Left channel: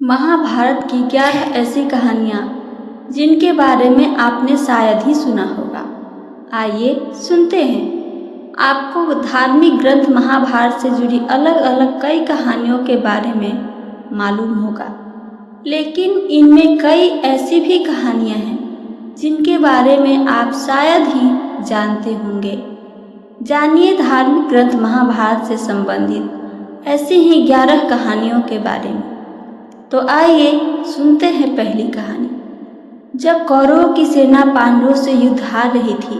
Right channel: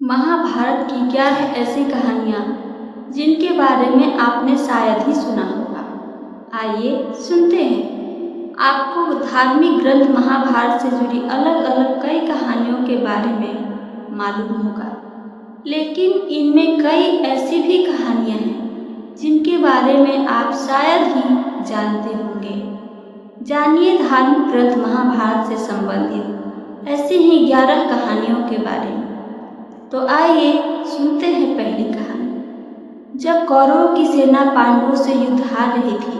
महाभारत की 11 ऐसी कहानियाँ जिनके बारे में आपने शायद ही सुना होगा। आइए सुनते हैं। आपको धार्मिक ग्रंथ महाभारत से जुड़ी अलग अलग कई कहानियों के बारे में मालूम होगा, लेकिन इनमें कई ऐसी भी कहानियाँ हैं जिनके बारे में आप शायद ही जानते होंगे। जानिए धार्मिक ग्रंथ महाभारत से संबंधित ऐसी ही 11 कहानियों के बारे में। तो आइए सुनते हैं पहली कहानी। जब कौरवों की सेना पांडवों से युद्ध हार रही थी,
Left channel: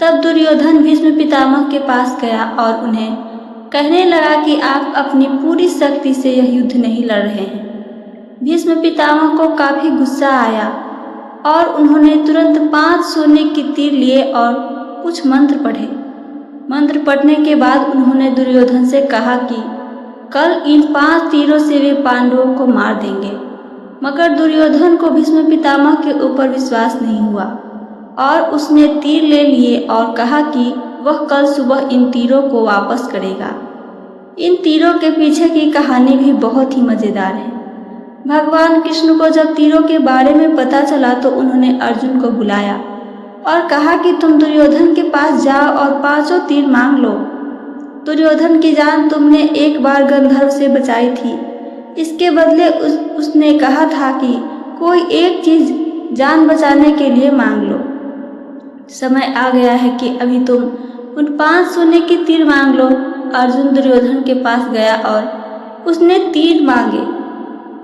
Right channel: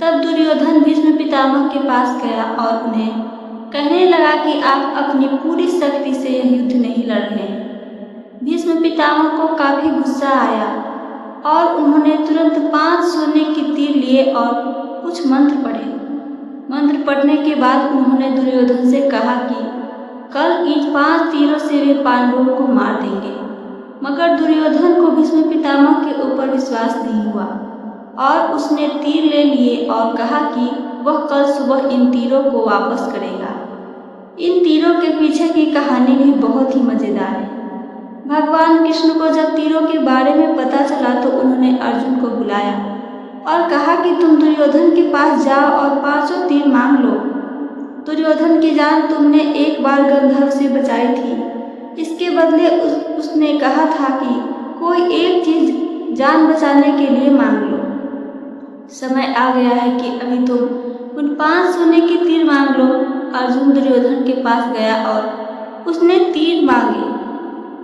तब दुर्योधन भीष्म पितामह के पास गया और उन्हें कहने लगा कि आप अपनी पूरी शक्ति से यह युद्ध नहीं लड़ रहे हैं। भीष्म पितामह को काफ़ी गुस्सा आया और उन्होंने तुरंत 5 सोने के तीर लिए और कुछ मंत्र पढ़े। मंत्र पढ़ने के बाद उन्होंने दुर्योधन से कहा कि कल इन 5 तीरों से वे पांडवों को मार देंगे। मगर दुर्योधन को भीष्म पितामह के ऊपर विश्वास नहीं हुआ और उसने तीर ले लिए और कहा कि वह कल सुबह इन तीरों को वापस करेगा। इन तीरों के पीछे की कहानी भी बहुत ही मज़ेदार है। भगवान कृष्ण को जब तीरों के बारे में पता चला तो उन्होंने अर्जुन को बुलाया और कहा कि तुम दुर्योधन के पास जाओ और 5 तीर मांग लो। दुर्योधन की जान तुमने एक बार गंधर्व से बचाई थी, इसके बदले उसने कहा था कि कोई एक चीज़ जान बचाने के लिए मांग लो। समय आ गया है कि अभी तुम उन 5 सोने के तीर मांग लो। अर्जुन दुर्योधन के पास गया और उसने तीर मांगे।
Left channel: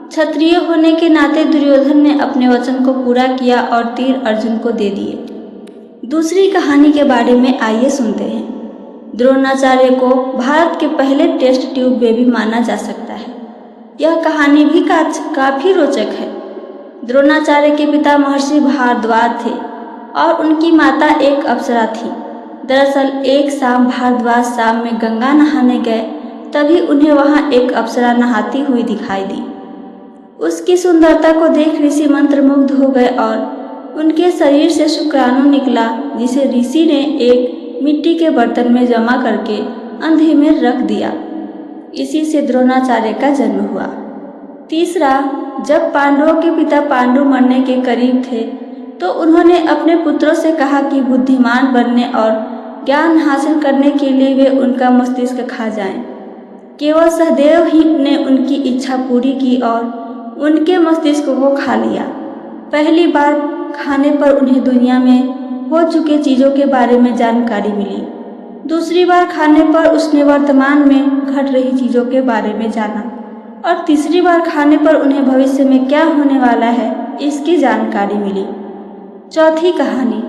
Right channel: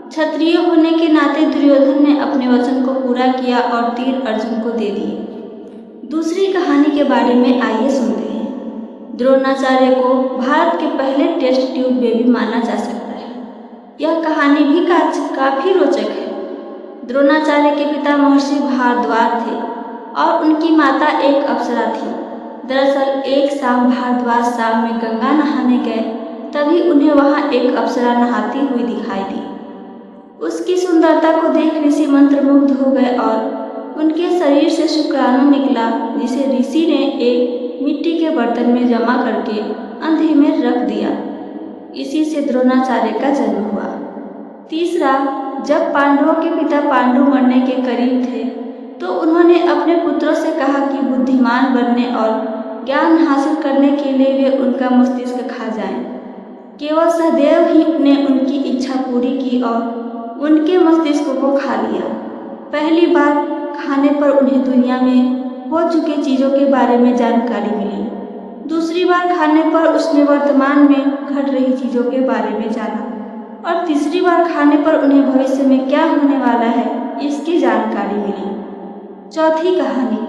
क्षत्रिय होने के नाते दुर्योधन ने अपने वचन को पूरा किया और तीर अर्जुन को दे दिए। दूसरी कहानी के बारे में आइए सुनते हैं। द्रोणाचार्य को भारत के पहले टेस्ट ट्यूब बेबी माना जा सकता है। यह कहानी भी काफ़ी रोचक है। द्रोणाचार्य के पिता महर्षि भारद्वाज थे और उनकी माता एक अप्सरा थी। दरअसल एक शाम भारद्वाज शाम में गंगा नहाने गए, तभी उन्हें वहां एक अप्सरा नहाती हुई दिखाई दी। उसकी सुंदरता को देख ऋषि मंत्रमुग्ध हो गए और उनके शरीर से शुक्राणु निकला, जिसे ऋषि ने एक मिट्टी के बर्तन में जमा करके अंधे में रख दिया। इसी से द्रोणाचार्य का जन्म हुआ। तीसरा, जब पांडवों के पिता पांडु मरने के करीब थे तो उन्होंने अपने पुत्रों से कहा कि बुद्धिमान बनने और ज्ञान हासिल करने के लिए वे उनका मस्तिष्क खा जाएं। केवल सहदेव ही ने उनकी इच्छा पूरी की और उनके मस्तिष्क को खा लिया। पहली बार खाने पर उन्हें दुनिया में हो चुके चीज़ों के बारे में जानकारी मिली। दूसरी बार खाने पर उसने वर्तमान में घट रही चीज़ों के बारे में जाना और तीसरी बार खाने पर उन्हें भविष्य में क्या होने वाला है इसकी जानकारी मिली। चौथी कहानी।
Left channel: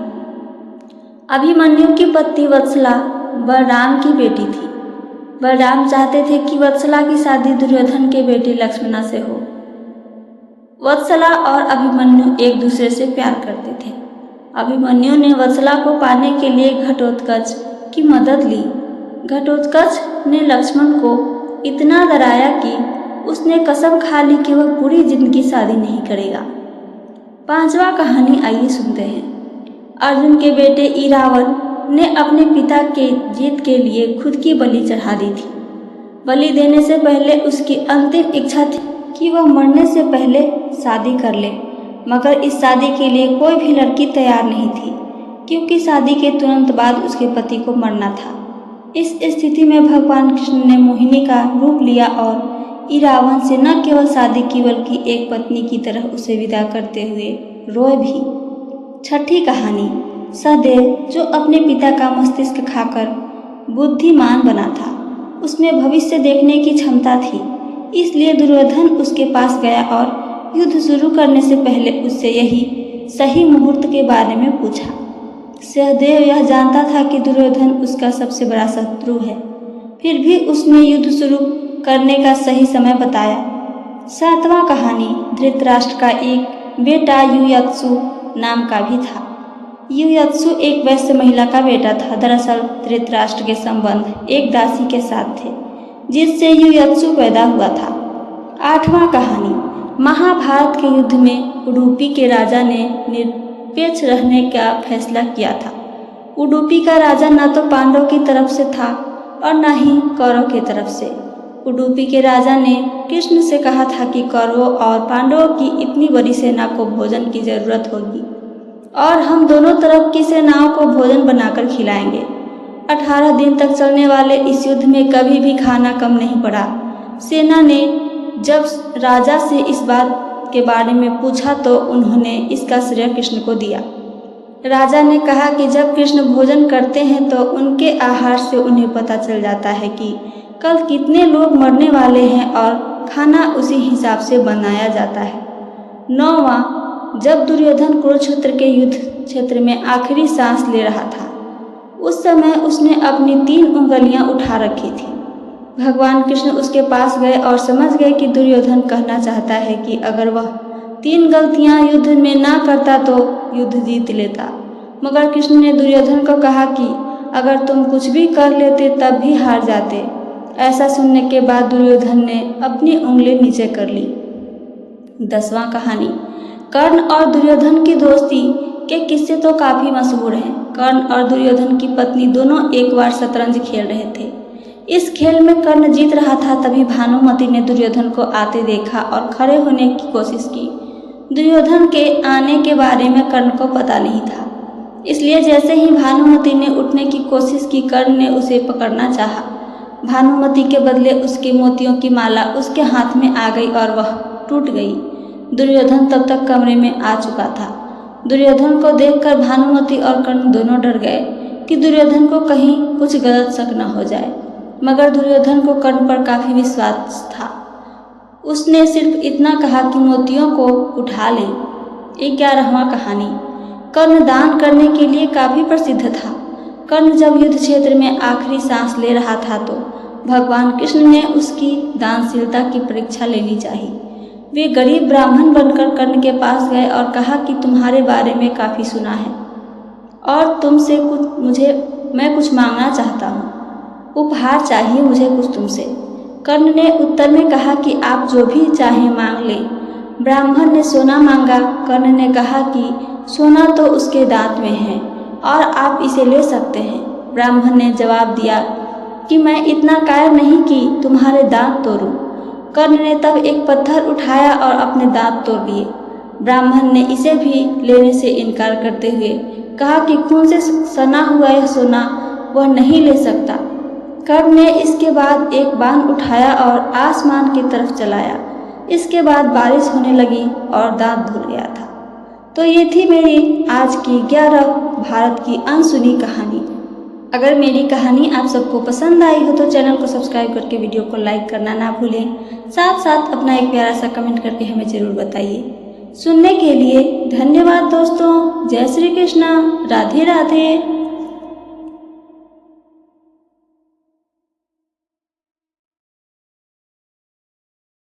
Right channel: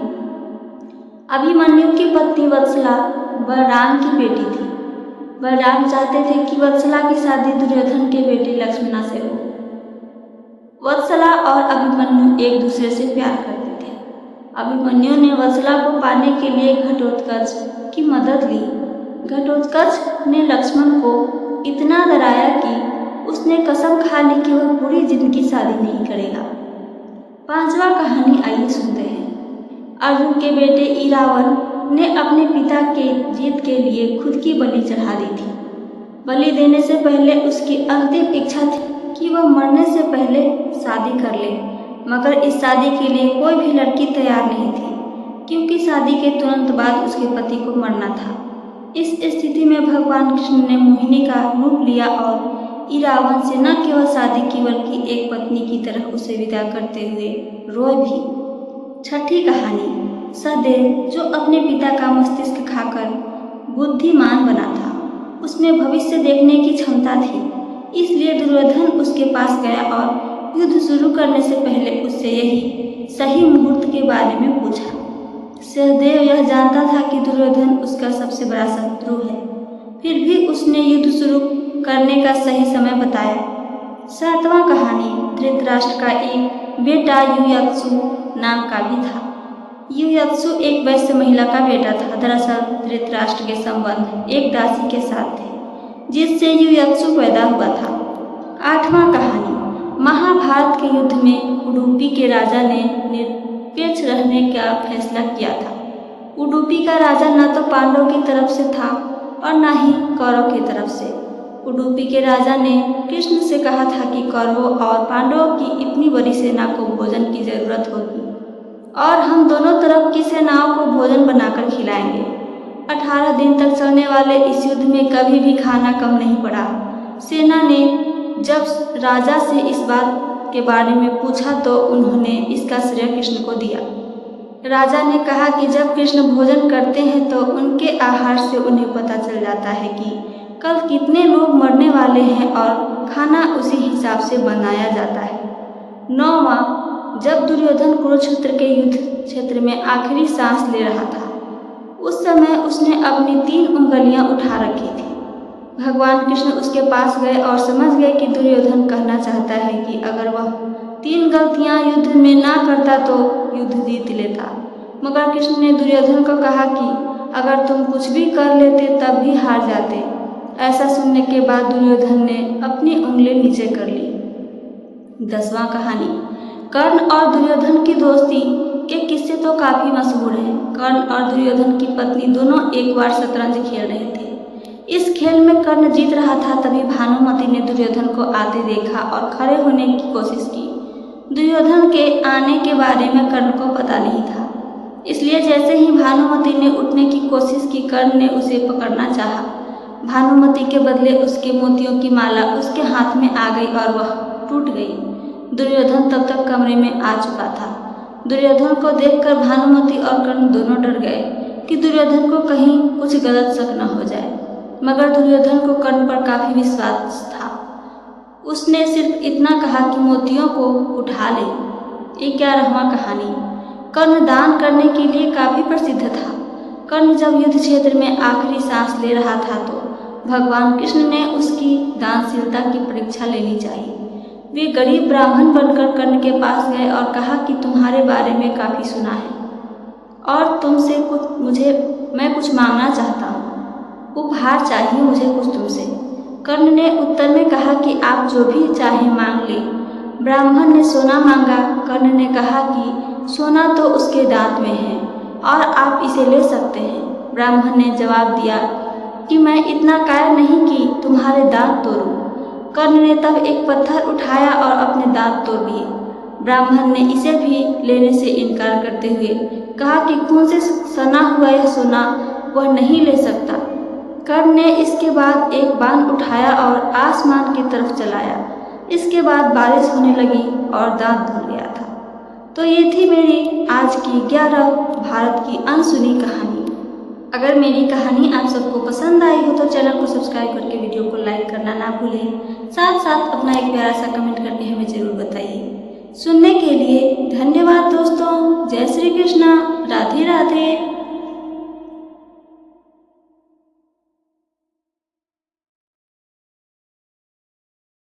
अभिमन्यु की पत्नी वत्सला बलराम की बेटी थी। बलराम चाहते थे कि वत्सला की शादी दुर्योधन के बेटे लक्ष्मणा से हो। वत्सला और अभिमन्यु एक दूसरे से प्यार करते थे। अभिमन्यु ने वत्सला को पाने के लिए घटोत्कच की मदद ली। घटोत्कच ने लक्ष्मण को इतना डराया कि उसने कसम खा ली कि वह पूरी जिंदगी शादी नहीं करेगा। 5वां कहानी आइए सुनते हैं। अर्जुन के बेटे इरावन ने अपने पिता के जीत के लिए खुद की बलि चढ़ा दी थी। बलि देने से पहले उसकी अंतिम इच्छा थी कि वह मरने से पहले शादी कर ले, मगर इस शादी के लिए कोई भी लड़की तैयार नहीं थी, क्योंकि शादी के तुरंत बाद उसके पति को मरना था। इस स्थिति में भगवान कृष्ण ने मोहिनी का रूप लिया और इरावन से न केवल शादी की बल्कि एक पत्नी की तरह उसे विदा करते हुए रोए भी। 6ठी कहानी। सहदेव, जो अपने पिता का मस्तिष्क खाकर बुद्धिमान बना था, उसमें भविष्य देखने की क्षमता थी, इसलिए दुर्योधन उसके पास गया और युद्ध शुरू करने से पहले उससे यही सही मुहूर्त के बारे में पूछा। सहदेव यह जानता था कि दुर्योधन उसका सबसे बड़ा शत्रु है, फिर भी उसने युद्ध शुरू करने का सही समय बताया। 7वां कहानी। धृतराष्ट्र का एक बेटा युयुत्सु नाम का भी था। युयुत्सु एक वैश्य महिला का बेटा था। दरअसल धृतराष्ट्र के संबंध एक दासी के साथ थे, जिससे युयुत्सु पैदा हुआ था। 8वां कहानी। महाभारत के युद्ध में उडुपी के राजा ने निरपेक्ष रहने का फैसला किया था। उडुपी का राजा न तो पांडवों की तरफ से था और न ही कौरव की तरफ से। उडुपी के राजा ने कृष्ण से कहा था कि कौरवों और पांडवों की इतनी बड़ी सेना को भोजन की जरूरत होगी और हम दोनों तरफ की सेनाओं को भोजन बनाकर खिलाएंगे। 18 दिन तक चलने वाले इस युद्ध में कभी भी खाना कम नहीं पड़ा। सेना ने जब राजा से इस बात के बारे में पूछा तो उन्होंने इसका श्रेय कृष्ण को दिया। राजा ने कहा कि जब कृष्ण भोजन करते हैं तो उनके आहार से उन्हें पता चल जाता है कि कल कितने लोग मरने वाले हैं और खाना उसी हिसाब से बनाया जाता है। 9वां, जब दुर्योधन कुरुक्षेत्र के युद्ध क्षेत्र में आखिरी सांस ले रहा था, उस समय उसने अपनी 3 उंगलियां उठा रखी थी। भगवान कृष्ण उसके पास गए और समझ गए कि दुर्योधन कहना चाहता है कि अगर वह 3 गलतियां युद्ध में ना करता तो युद्ध जीत लेता। मगर कृष्ण ने दुर्योधन को कहा कि अगर तुम कुछ भी कर लेते तब भी हार जाते। ऐसा सुनने के बाद दुर्योधन ने अपनी उंगली नीचे कर ली। 10वां कहानी। कर्ण और दुर्योधन की दोस्ती के किस्से तो काफ़ी मशहूर हैं। कर्ण और दुर्योधन की पत्नी दोनों एक बार शतरंज खेल रहे थे। इस खेल में कर्ण जीत रहा था, तभी भानुमति ने दुर्योधन को आते देखा और खड़े होने की कोशिश की। दुर्योधन के आने के बारे में कर्ण को पता नहीं था, इसलिए जैसे ही भानुमति ने उठने की कोशिश की, कर्ण ने उसे पकड़ना चाहा। भानुमति के बदले उसके मोतियों की माला उसके हाथ में आ गई और वह टूट गई। दुर्योधन तब तक कमरे में आ चुका था। दुर्योधन को देखकर भानुमति और कर्ण दोनों डर गए कि दुर्योधन को कहीं कुछ गलत शक न हो जाए, मगर दुर्योधन को कर्ण पर काफ़ी विश्वास था। उसने सिर्फ इतना कहा कि मोतियों को उठा ले। 11वां कहानी। कर्ण दान करने के लिए काफ़ी प्रसिद्ध था। कर्ण जब युद्ध क्षेत्र में आखिरी सांस ले रहा था तो भगवान कृष्ण ने उसकी दानशीलता की परीक्षा लेनी चाहिए। वे गरीब ब्राह्मण बनकर कर्ण के पास गए और कहा कि तुम्हारे बारे में काफ़ी सुना है और तुमसे मैं कुछ मांगना चाहता हूँ। उपहार चाहिए मुझे कुछ तुमसे। कर्ण ने उत्तर में कहा कि आप जो भी चाहें मांग लें। ब्राह्मण ने सोना मांगा। कर्ण ने कहा कि सोना तो उसके दांत में है और आप इसे ले सकते हैं। ब्राह्मण ने जवाब दिया कि मैं इतना कायर नहीं कि तुम्हारे दांत तोड़ूं। कर्ण ने तब एक पत्थर उठाया और अपने दांत तोड़ दिए। ब्राह्मण ने इसे भी लेने से इनकार करते हुए कहा कि खून से सना हुआ यह सोना वह नहीं ले सकता। कर्ण ने इसके बाद एक बाण उठाया और आसमान की तरफ चलाया। इसके बाद बारिश होने लगी और दांत धुल गया था। तो ये थी मेरी आज की 11 भारत की अनसुनी कहानी। अगर मेरी कहानी आप सबको पसंद आई हो तो चैनल को सब्सक्राइब करके वीडियो को लाइक करना ना भूलें। साथ साथ अपना एक प्यारा सा कमेंट करके हमें ज़रूर बताइए। सुनने के लिए धन्यवाद दोस्तों। जय श्री कृष्णा। राधे राधे।